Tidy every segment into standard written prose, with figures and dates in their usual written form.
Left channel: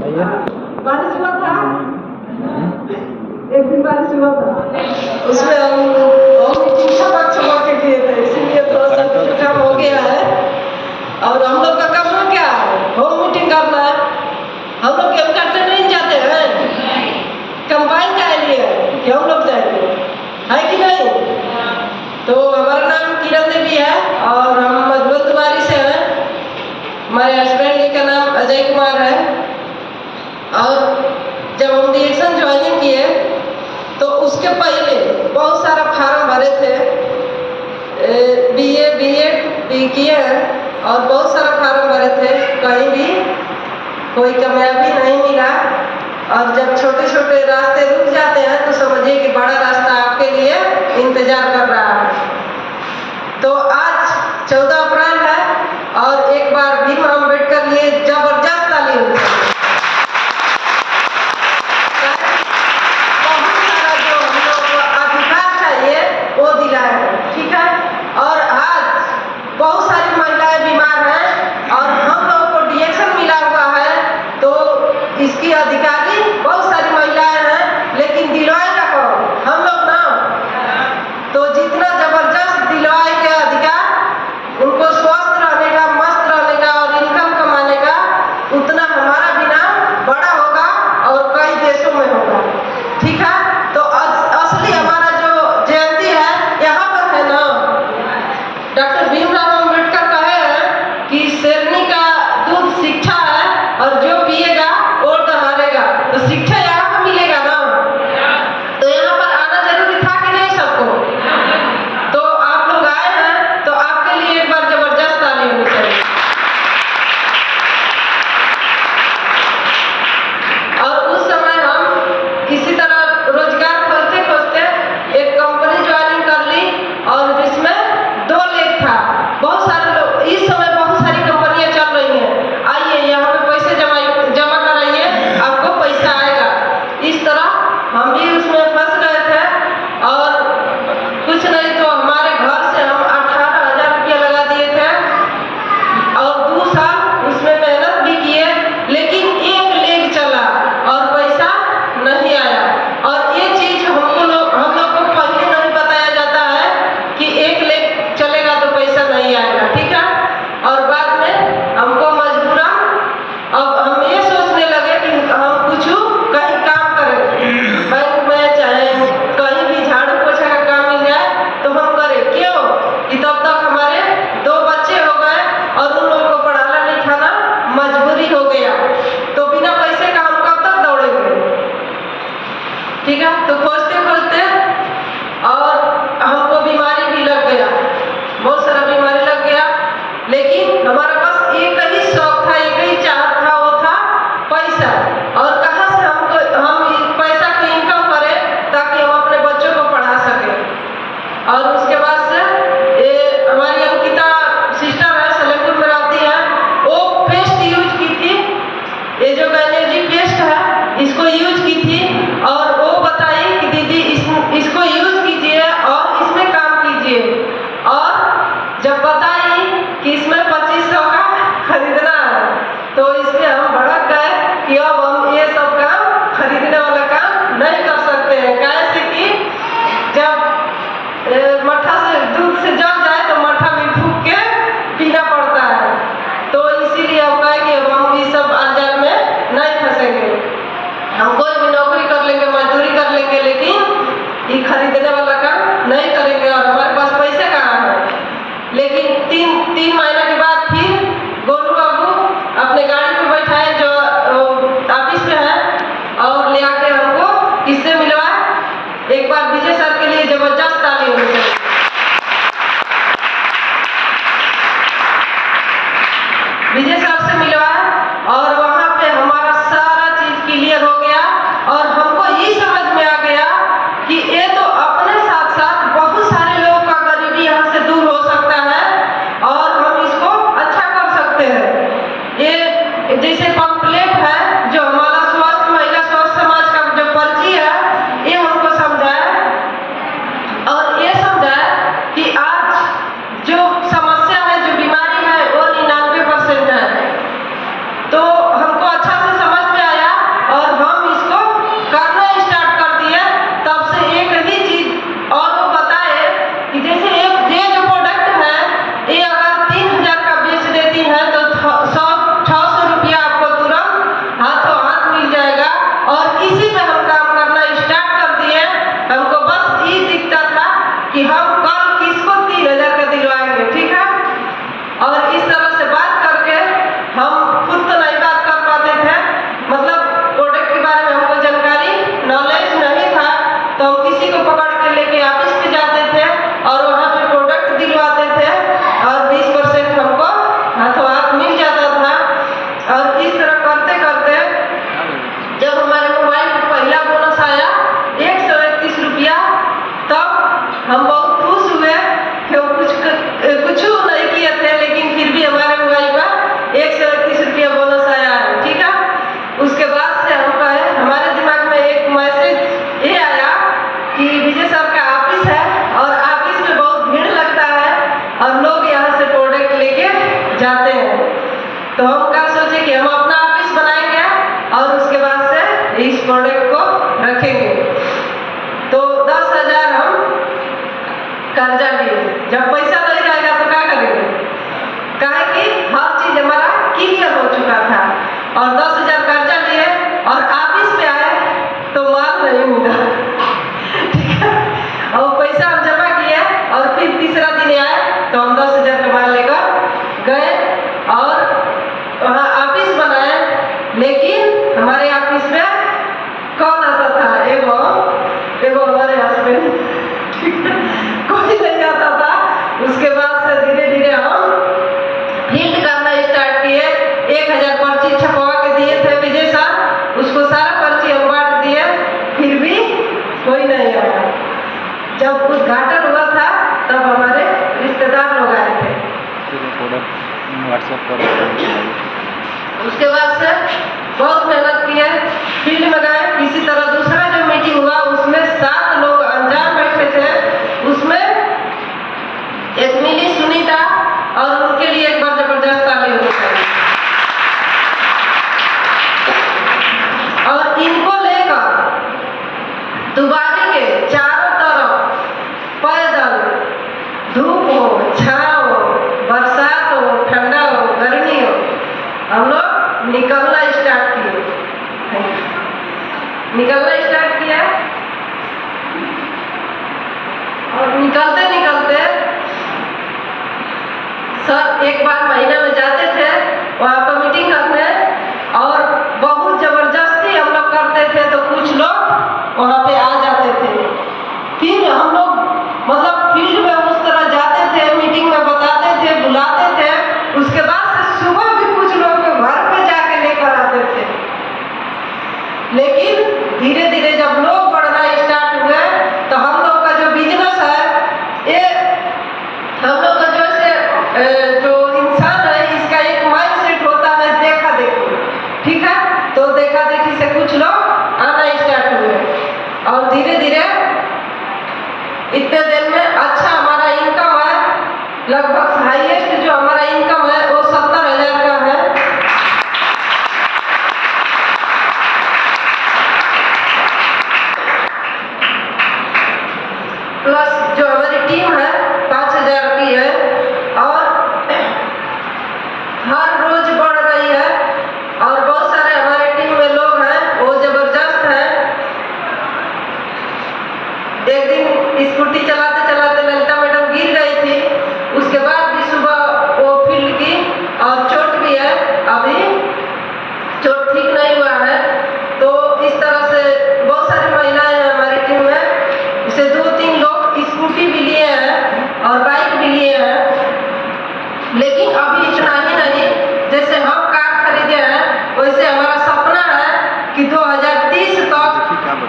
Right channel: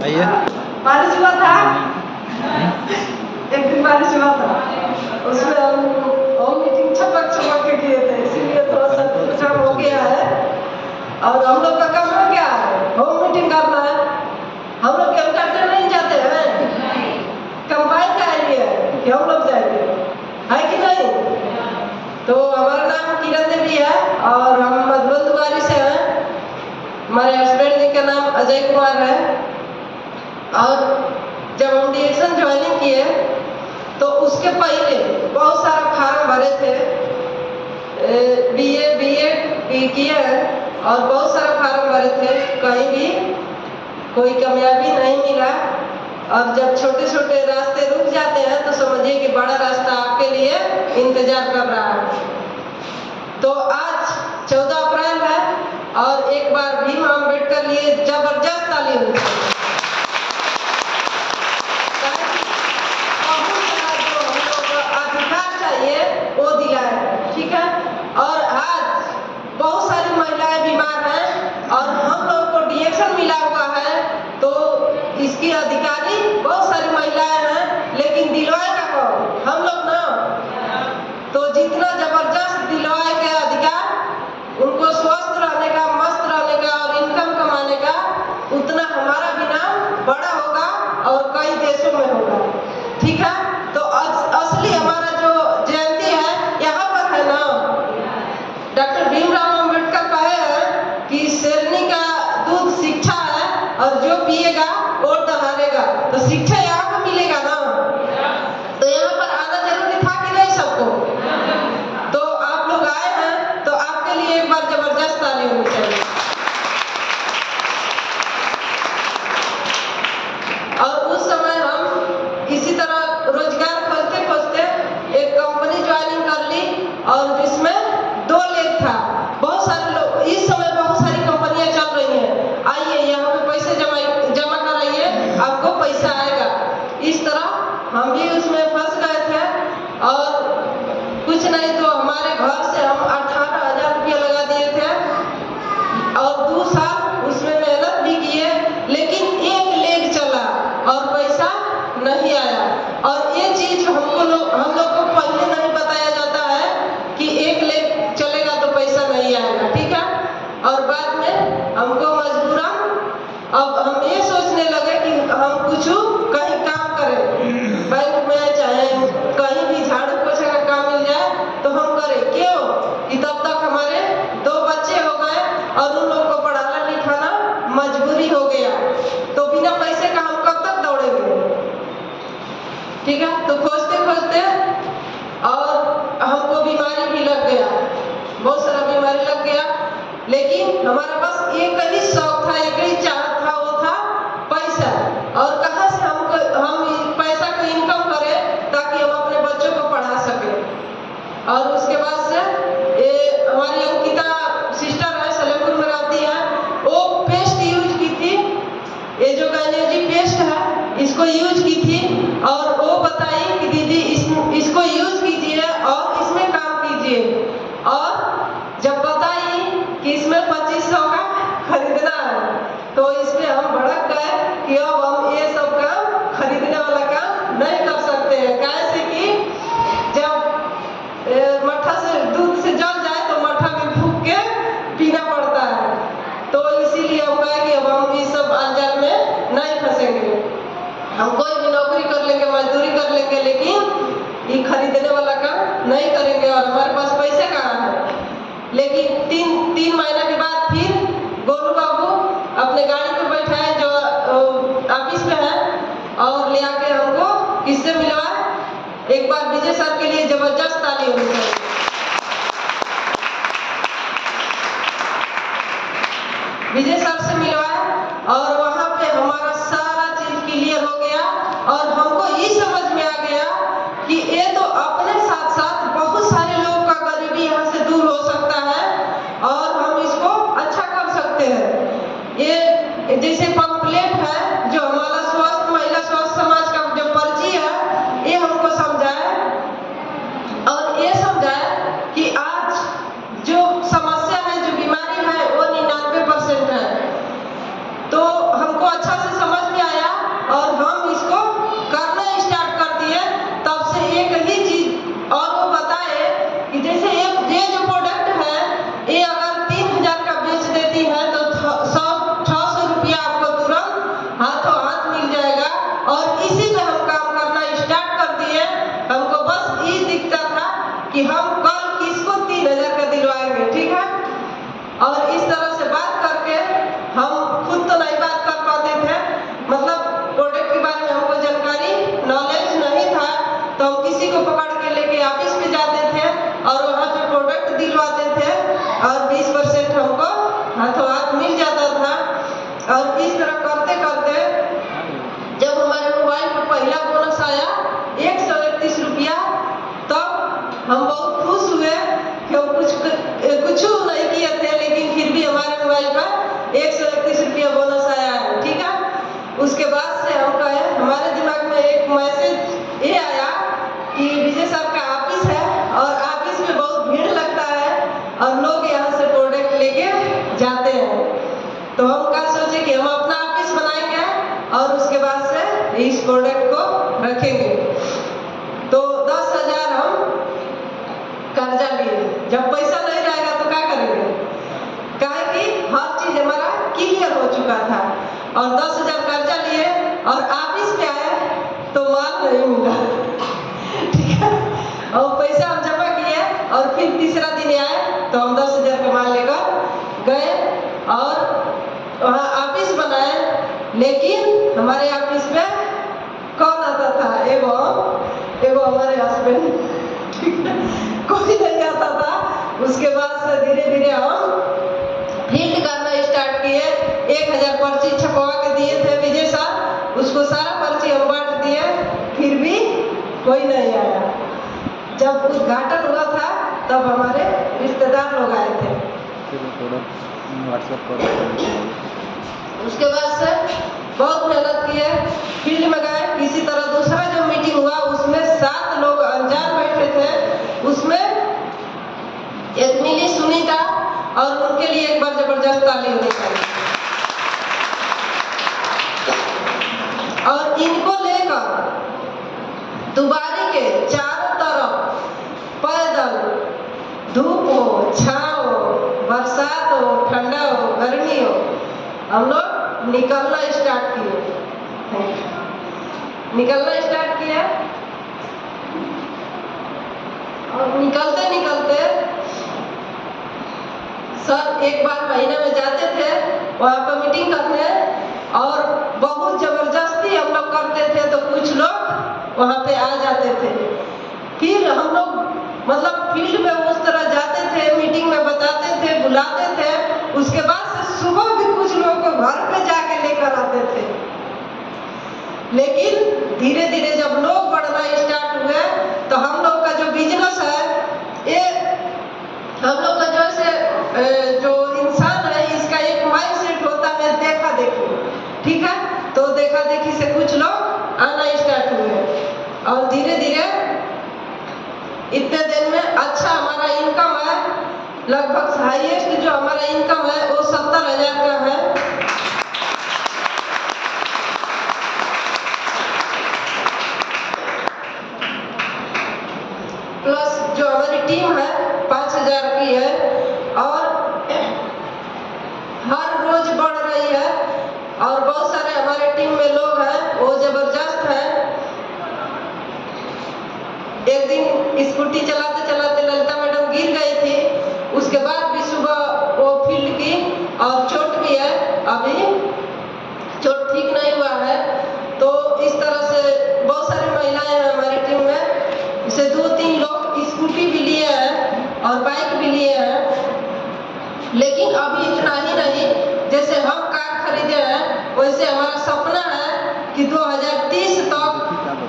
भैया बारिश हुआ था, एक दिन बारिश हुआ था, उसमें हम मीटिंग छपक के किए थे, इसीलिए थोड़ा सा काम हो गया है। और हम लोग का काम क्या है, होम मीटिंग करना है। हम लोग गेम करते नहीं जाते हैं, कंबाइन का लिए कि हम लोग जाएंगे, है कि नहीं? तो हमारा नाम किरण देवी है और हम मधुबन द्वारी से हैं। हमारे हस्बैंड जी का नाम अजय कुमार है। और जब हम डिएक्शन ज्वाइनिंग किए तो उसके पहले बहुत सारा फार्म भरे थे, बीए बीएड भी किए हैं और बहुत सारा फार्म भरे थे, कहीं भी कोई कामयाबी नहीं मिला। और जब छोटे छोटे रास्ते रुक जाते हैं तो समझिए कि बड़ा रास्ता आपके लिए इंतजार कर रहा है। तो आज 14 अप्रैल है और एक बार भीम अम्बेडकर लिए जबरदस्त ताली होती है। वो दिलाए हैं, ठीक है। और आज बहुत सारी महिलाएं बीमार हैं और हम लोगों को डिएक्शन मिला हुआ है, तो इसकी अधिकारी बहुत सारी महिलाएं हैं, लेकिन दिलवाएगा कौन? हम लोग ना। तो जितना जबरदस्त दिलवाए के अधिकार उनको स्वस्थ रहने का, मस्त रहने का और इनकम कमाने का, उतना हमारा भी नाम बड़ा होगा और कई देशों में होगा, ठीक है। तो असली हमारा जो जयंती है यहाँ पर है ना, डॉक्टर भीमराव अम्बेडकर कहे हैं कि शेरनी का दूध शिक्षा है और जो पिएगा वो हारेगा। तो शिक्षा यहाँ पर मिलेगा ना, तो यहाँ पर आना जरूरी था कि नहीं सबको? तो आप लोग आए हैं तो आपके लिए एक बार जबरदस्त ताली होनी चाहिए। और उस समय हम इसी तरह रोजगार खोजते खोजते एक कंपनी ज्वाइनिंग कर ली और जिसमें 2 लेख था। बहुत सारे लोग, इस समय बहुत सारी कंपनियां चल रही हैं, आइए यहाँ पे पैसे जमा कराइए, आपको पैसा आएगा। इस तरह हम भी उसमें फंस गए थे और कुछ नहीं तो हमारे घर से हम 18,000 रुपया लगा दिए थे और 2 साल उसमें मेहनत भी किए, लेकिन एक लेग चला और पैसा नहीं आया। और ये चीज हम लोग को पहले नहीं बताया जाता है कि एक लेग चलेगा तो पैसा नहीं आएगा, ठीक है। और बाद में हमको मजबूरन अब हम ये सोचने लगे कि हम कुछ कहीं काम करें, बैंक में चाहे कहीं भी झाड़ू पोछा का काम मिल जाए तो हम करें। क्यों? कि तब तक हमारे 2 बच्चे हो गए और उन लोगों को पढ़ाना लिखाना मजबूरी हो गया, तो बिना पैसे का हम कब तक दौड़ेंगे, ठीक है। तो खोजते खोजते और हमको बीमारी भी लग गया, बहुत सारा बीमारी लग गया, लेकिन हमारा बस एक ही शौक था, एक ही चाहत था, वो था पैसा। और कहाँ से हम पैसा को इनकम करें ताकि हम अपने बच्चों को पढ़ा सकें। और उसके बाद से हमारी अंकिता सिस्टर है, सलेमपुर में रहती है, वो पेस्ट यूज की थी, ये जो गैनेजी पेस्ट है इसको यूज की थी और वो बताई कि दीदी इसको यूज कीजिए और इसमें काम कीजिए। और जब बताई कि इसमें 2500 का खरीदना है तो इसमें हम भड़क गए कि अब हम ये सब काम खरीदने वाला काम नहीं कर सकते हैं। कैसे कि जब मट्ठा से दूध से जल जाए तो मट्ठा भी फूंक के पीना पड़ता है, तो इसीलिए हम कहे कि अब हम इस सब अंजाल में नहीं फंसेंगे। हम कोई भी नौकरी कर लेंगे, मजदूरी कर लेंगे, लेकिन ये खरीदने वाला काम नहीं करेंगे और हमारे पास पैसे कहाँ है। लेकिन 3 महीने के बाद फिर गोलू बाबू अपने गाड़ी पर बैठाए जो ऑफिस में है और ले आके हमको किससे मिलवाए। एक बार विजय सर के लिए जबरदस्त ताली होनी चाहिए। विजय सर से मिलवाए और वहाँ पे हमारा सारा चीज क्लियर हो गया और हमको ये समझ में आ गया कि ये तो अपने साथ साथ बहुत सारे लोगों का गरीबी यहाँ से दूर हो सकता है और हम इसको अच्छा कर सकते हैं। ये जैसे पंपलेट है जो हमारा स्वस्थ महिला स्वस्थ समाज का जो पर्ची है, ये हमको समझाया और ये समझाया कि आज जो समस्या है, जो बीमारी है, वो 99% है। तो हमको अच्छा से समझ में आया मतलब प्रोडक्ट के बारे में हमको जानकारी नॉलेज नहीं था, तो हम किसी को पकड़ के लेके ऑफिस पे जाते थे और वहाँ पे प्रोडक्ट दिलवाते थे और 20% हमको हाथों हाथ मिल जाता था। और इस तरह करते करते जब हमारे मोबाइल पर पहला बोनस आया 131 रुपया, तब हम बहुत खुश हुए कि हम कुछ नहीं किए थे, लेकिन फिर भी हमारे मोबाइल पर 131 रुपया बोनस आया है। ठीक है, उसके बाद से हम कहे हमारे दिमाग में एक मैसेज ये आया कि विजय सर का ऑफिस है और ऑफिस में बहुत भीड़ लगता है और लोग यहाँ से प्रोडक्ट लेके जाते हैं। तो हम क्या सोचे कि हम अपना ऑफिस बनाएंगे और उसके बाद से इस प्रोडक्ट को रखेंगे। तो 10,000 हम कर्जा लिए। जब पैसा नहीं रहेगा तो क्या करेंगे, काहे कि हर चीज हमारा क्लियर हो चुका था। और 10,000 कर्जा लिए और ऑफिस पे आए तो माल नहीं मिला। ठीक है, और पैसा हम जमा किए और फिर तीसरा दिन आए तो हम 10,000 का माल लेकर गए और वहाँ ऑफिस बनाए। लेकिन हमारे ऑफिस में कौन आता था, एगो हमारे हस्बैंड, कोई नहीं आता था। उसके बाद से धीरे धीरे हम फील्ड करना स्टार्ट किए। 1,000 पर्ची छपवा के दिए थे विजय सर, उसको सारा पर्ची हम बांट दिए, फिर भी कोई नहीं आया। जब उद्घाटन हुआ था तब हमारे रिश्तेदार लोग आए थे। उसके बाद से बहुत मेहनत किए, फील्ड में गए। किसी तरह दूसरा जो मीटिंग हुआ उसमें 7 लोग अनजान बैठे थे, उसमें एक मिली सुनीता, और उनके लिए एक बार जबरदस्त ताली होनी चाहिए। और इनको लेकर दुबारी के चारों तरफ पैदल, धूप हो, छाँव हो, बरसात हो, ठंडा हो, गर्मी हो, हम लोग निकलना स्टार्ट किए। और निकलते निकलते सर एक बार महीने में जाते थे वहाँ पर मीटिंग करने, और बहुत जबरदस्ती हम लोग करते थे तो कुछ लोग वहाँ पे आ जाते थे। फिर हम लोग मतलब फील्ड में उस तरह जाते थे, मीटिंग में बताते थे, बुलाते थे। उसके बाद से सुबह भी कुछ लोग को घर पे जाके लेकर आते थे। लेकिन धीरे धीरे जब लोग बढ़ना स्टार्ट हुए तो हम लोग का जो बिजनेस है, ये हम लोग का जो इंसान है, इसका एक माइंड सेट होता है देखा देखी। ठीक है, तो देखा देखी से कुछ लोग आना स्टार्ट हुए और धीरे धीरे इतने दिन में अच्छा हमारा इनकम है, लगभग हाईएस्ट जो हमारा इनकम है वो 70,000 का है। प्लस जो हमारी टीम है 5,000 की है और हर रोज बढ़ रही है। और बहुत सारे हमारे टीम में लोग हैं वो जबरदस्त है। एक दिन स्कूटी चलाते चलाते ललिता मैडम गिर गई थी, उसके बाद भी सुबह वो फील्ड की और चोट भी है, अभी चोट ठीक नहीं हुआ है। तो इस तरह से बहुत सारी महिलाएं हैं हमारी टीम में, इसे 2-3 लोग स्कूटी भी लिए हैं और बाइक भी लिए हैं। लेकिन अभी इतना ही नहीं, जैसे हम कार खरीदे हैं वैसे हमारा सपना है कि 2030 तक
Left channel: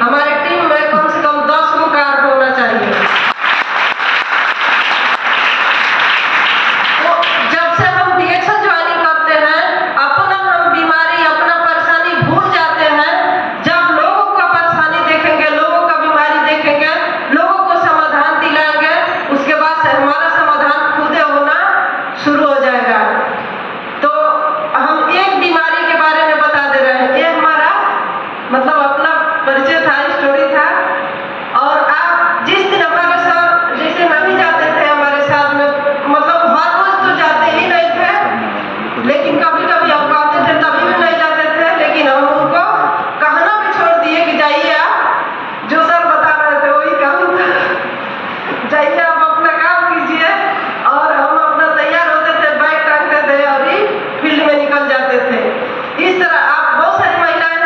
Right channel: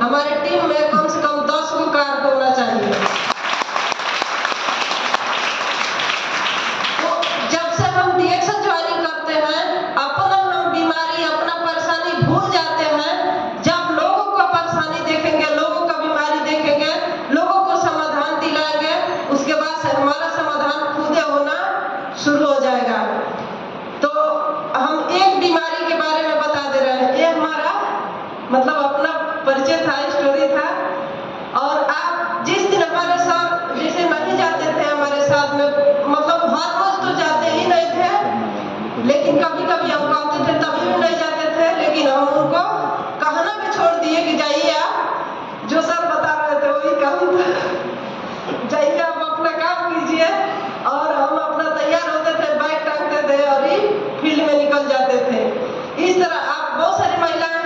हमारी टीम में कम से कम 10 गो कार होना चाहिए। तो जब से हम DXL ज्वाइनिंग करते हैं, अपना हम बीमारी, अपना परेशानी भूल जाते हैं। जब लोगों का परेशानी देखेंगे, लोगों का बीमारी देखेंगे, लोगों को समाधान दिलाएंगे, उसके बाद से हमारा समाधान खुद होना शुरू हो जाएगा। तो हम एक बीमारी के बारे में बता दे रहे हैं, ये हमारा मतलब अपना परिचय था, स्टोरी था। और आप जिस दिन हमारे साथ जैसे नहीं जाते थे हमारे साथ में, मतलब हर रोज तो जाते ही नहीं थे, लेकिन कभी कभी हम कहते थे तभी भी नहीं जाते थे। लेकिन हम उनको कहना भी छोड़ दिए कि जाइए आप, जो सर बता रहे थे वही काम था, जाइए आप अपना काम कीजिए। और हम अपना तैयार होते थे, बैग टांगते थे और ही फील्ड में निकल जाते थे। इस तरह आप बहुत सारी महिलाएं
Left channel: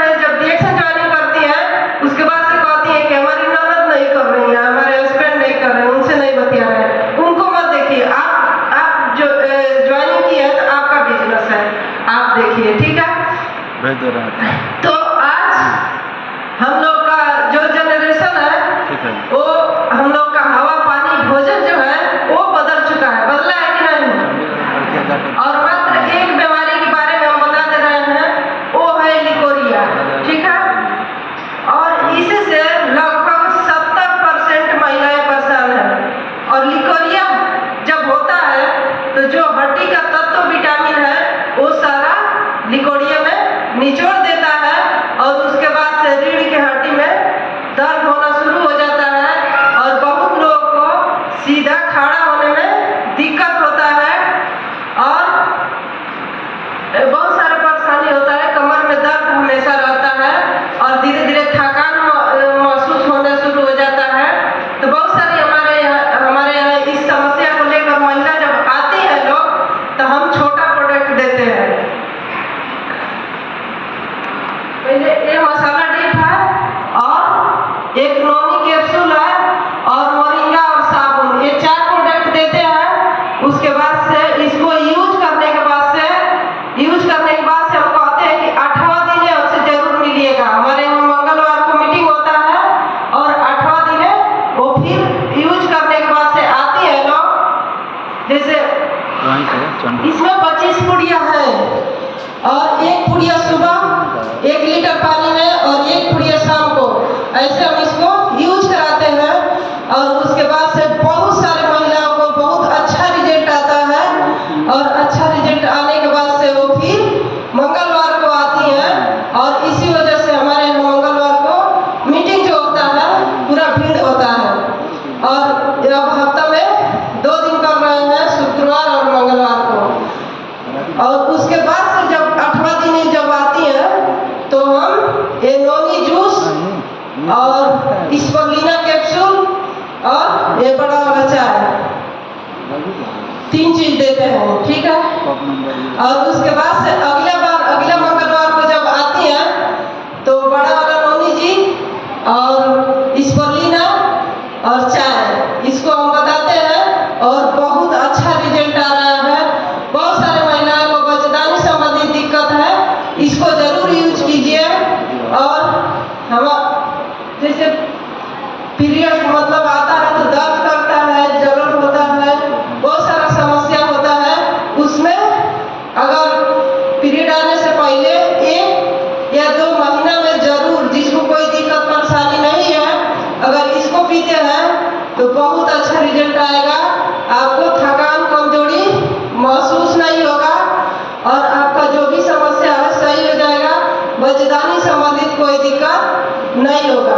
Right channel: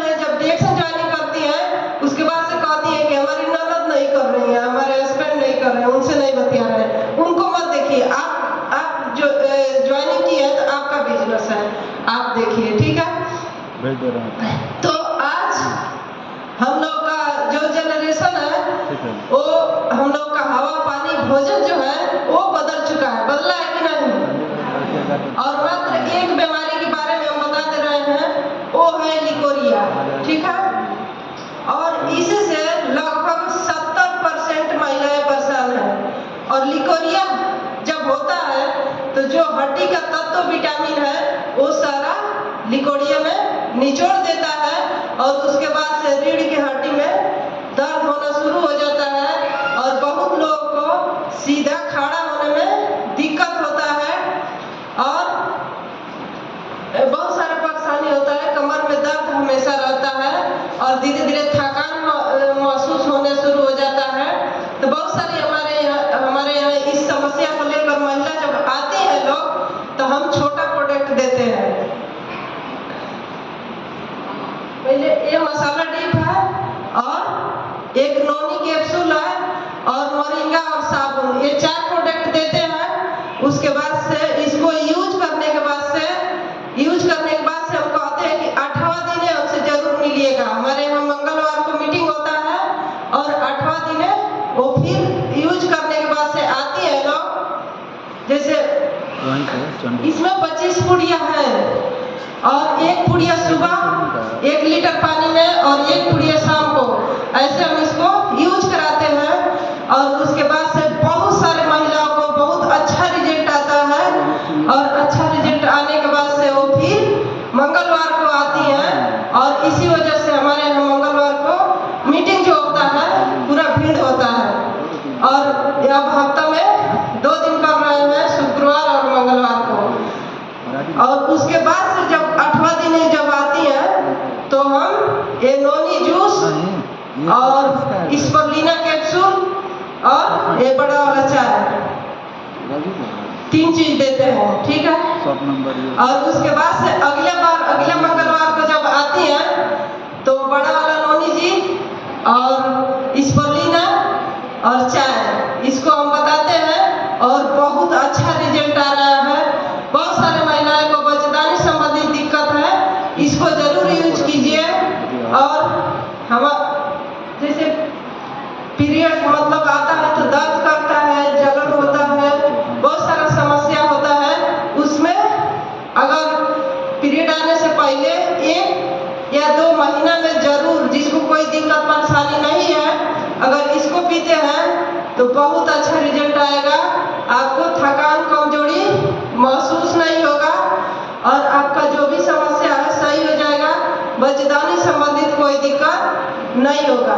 भेज दे रहे हैं। तो आज हम लोग का जो जनरेशन है वो हम लोग का हवा पानी भोजन जो है वो बदल चुका है, बदला है कि नहीं। और मात्र एक बीमारी के बारे में हम बता दे रहे हैं, वो है लिकोरिया, ठीक है। और इससे लगभग 70% महिलाएं परेशान हैं। और लिकोरिया जब होता है तो जो हड्डी का तत्व विटामिन है वो सारा लिकोरिया में निचोड़ देता है और उसके बाद से रीढ़ की हड्डी में दर्द होना शुरू हो जाता है और बहुत लोगों को सीधा खड़ा होने में दिक्कत होता है और बहुत सारा परेशानी होता है। कमर में दर्द हमेशा रहता है और धीरे धीरे थकान महसूस होना शुरू हो जाता है। तो बहुत सारी हमारे यहाँ इस समस्या को लेकर महिला जब आती है लोग तो हम छोटा प्रोडक्ट देते हैं। पहले ये मसाला डिप है और एक नोनी कैप्सूल है और मोरिंगा और साबुन, ये 4 प्रोडक्ट देते हैं। उसके बाद से इसको यूज करने के बाद से हम कहते हैं कि 8वां दिन हमसे जरूर मिलिएगा। हमारे यहाँ मंगलवार को मीटिंग होता है और 8वां दिन वो फिर यूज करने के बाद से आती है लोग। जैसे इसमें 25 पुड़िया है और 1 पुड़िया सुबह 1 लीटर पानी में और 1 पुड़िया शाम को, ऐसे हम इसको यूज कराते हैं। और उसके बाद से बहुत सारी महिलाओं को बहुत अच्छा रिजल्ट आता है और अच्छा रिजल्ट आने के बाद से वो फिर मंगलवार को आती हैं और इसी वजह से हमारे यहाँ मंगलवार को मीटिंग जो होता है पूरा भीड़ होता है। और अब हफ्ता में 2 दिन कर रहे हैं, शुक्रवार और मंगलवार को। और उसके बाद से जब 8वां दिन जब आती है तो हम ये नोनी जूस और स्परुलिना कैप्सूल और ये बड़ा वाला चाय 3 चीज देते हैं, ठीक है। और उसके बाद से अगला मंगलवार को जब आती है तो बड़ा वाला नोनी जी और स्परुलिना और चाय इसको हम बताते हैं और बहुत अच्छा रिजल्ट आ रहा है। बहुत सारे महिलाओं को बच्चेदानी संबंधित दिक्कत है, इसको जरूर यूज कीजिए। और हम जैसे पीरियड मतलब आता है तो दर्द करता है, जलन होता है, बहुत सारा समस्या होता है। उसमें अगर पीरियड आने से पहले 1 या 2 महीना में जरूर, जिसको कोई दिक्कत परेशानी नहीं है, अगर इसको पीते हैं तो बहुत अच्छा रिजल्ट आएगा। आपको थकान कमजोरी महसूस नहीं होगा और आपका जो भी समस्या है सही हो जाएगा। बच्चेदानी संबंधित कोई दिक्कत नहीं होगा।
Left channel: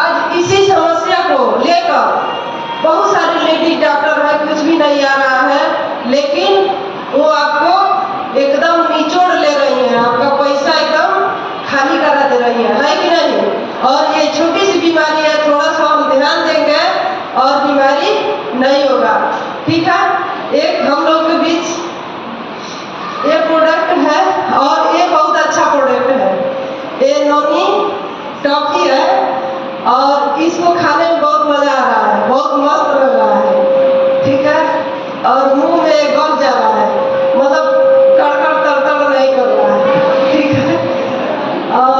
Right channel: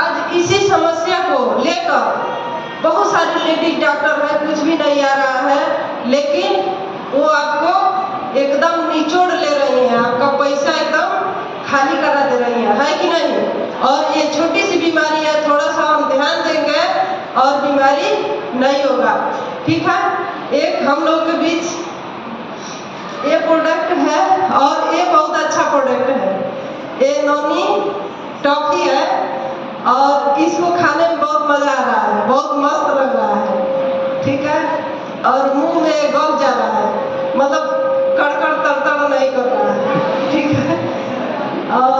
आज इसी समस्या को लेकर बहुत सारे लेडीज डॉक्टर है, कुछ भी नहीं आ रहा है, लेकिन वो आपको एकदम निचोड़ ले रही हैं, आपका पैसा एकदम खाली करा दे रही है कि नहीं। और ये छोटी सी बीमारी है, थोड़ा सा हम ध्यान देंगे और बीमारी नहीं होगा, ठीक है। एक हम लोग के बीच ये प्रोडक्ट है और ये बहुत अच्छा प्रोडक्ट है। ये नोनी टॉफी है और इसको खाने में बहुत मजा आ रहा है, बहुत मस्त लग रहा है, ठीक है। और मुंह में गल जा रहा है, मतलब कड़कड़ तड़तड़ नहीं कर रहा है, ठीक है। और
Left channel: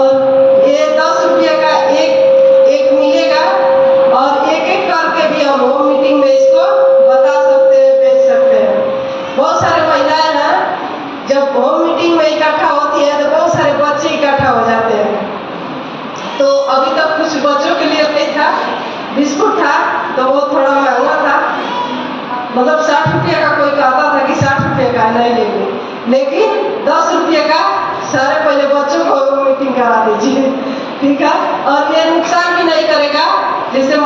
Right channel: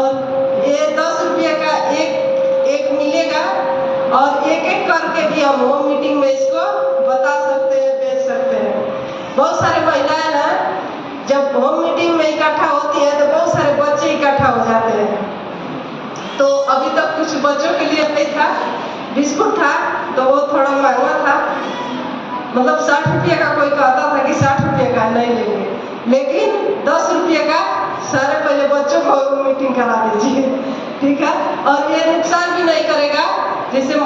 ये 10 रुपये का एक मिलेगा और एक करके भी हम होम मीटिंग में इसको बता सकते हैं, बेच सकते हैं। बहुत सारे महिलाएं हैं जब होम मीटिंग में इकट्ठा होती है तो बहुत सारे बच्चे इकट्ठा हो जाते हैं। तो अभी तक कुछ बच्चों के लिए नहीं था, बिस्कुट था तो वो थोड़ा महंगा था, मतलब 60 रुपये का कोई कहता था कि 60 रुपये का नहीं लेंगे, लेकिन 10 रुपये का सारे पहले बच्चों को मीटिंग करा दीजिए, ठीक है। और ये नुकसान भी नहीं करेगा। जैसे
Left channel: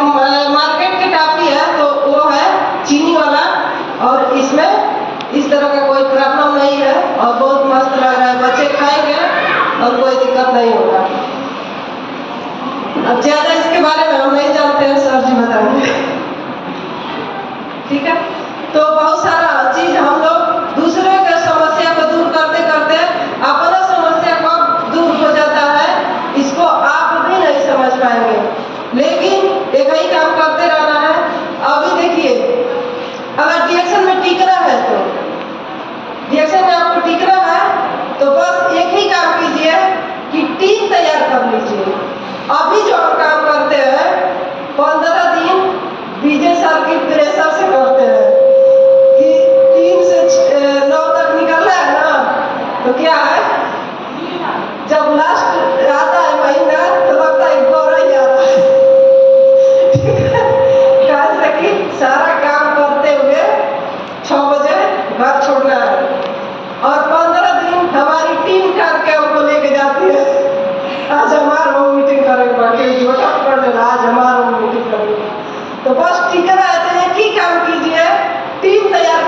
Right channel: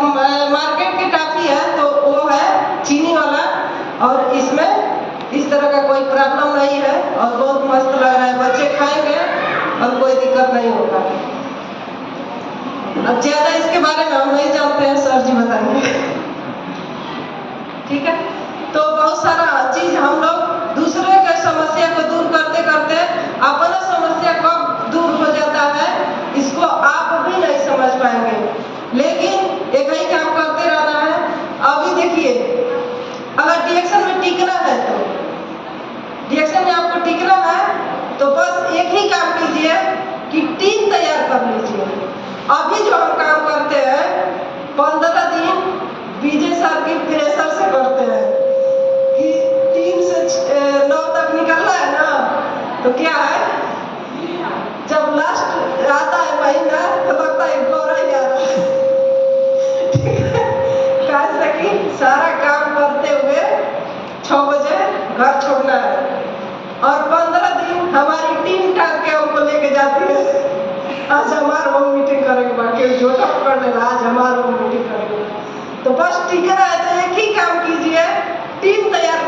मार्केट की टॉफी है तो वो है चीनी वाला और इसमें इस तरह का कोई प्रॉब्लम नहीं है और बहुत मस्त लग रहा है, बच्चे खाएंगे और कोई दिक्कत नहीं होगा। अब ज्यादा इसके बारे में हम नहीं जानते हैं, सर जी बताएंगे, ठीक है। तो बहुत सारा चीज हम लोग दूसरे का समस्या को दूर करते करते अपना समस्या कब दूर हो जाता है इसको आप भी नहीं समझ पाएंगे, लेकिन एक ही काम करते रहना है। अभी देखिए, अगर डिएक्शन में टिकना है तो डिएक्शन में आपको तो क्या है, जब लास्ट आता है महीना तो लगता है गौर ही आ रहा है। कैसे कि सारा काम करते हुए 6 बजे घर छोड़ना है और 15 दिन हमारी टीम काम के हमको लेके जाती है। आज हमारा होम मीटिंग करेंगे, बाकी झोटा पकड़ लेना, आज हमारा होम मीटिंग करेंगे। तो बस ठीक है, एक ही काम कीजिए, टीम तैयार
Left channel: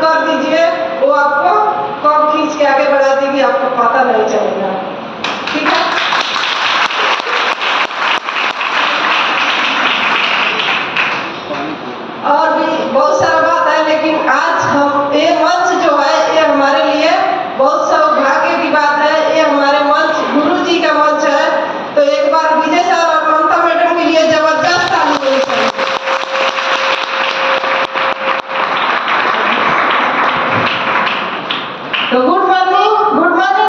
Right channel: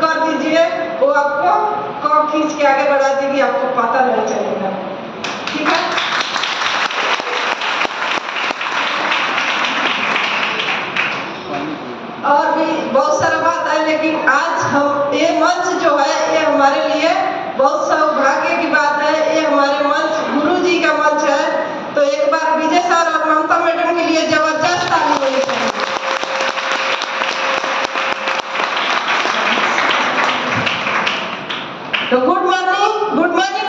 कर दीजिए, वो आपको कब खींच के आगे बढ़ा देगी आपको पता नहीं चलेगा। ठीक है, और भी बहुत सारा बात है, लेकिन आज हम ये मंच जो है ये हमारे लिए बहुत सौभाग्य की बात है। ये हमारे मंच गुरु जी का मंच है। तो एक बार विजय सर और ममता मैडम के लिए जबरदस्त ताली होनी चाहिए। तो गुड मॉर्निंग।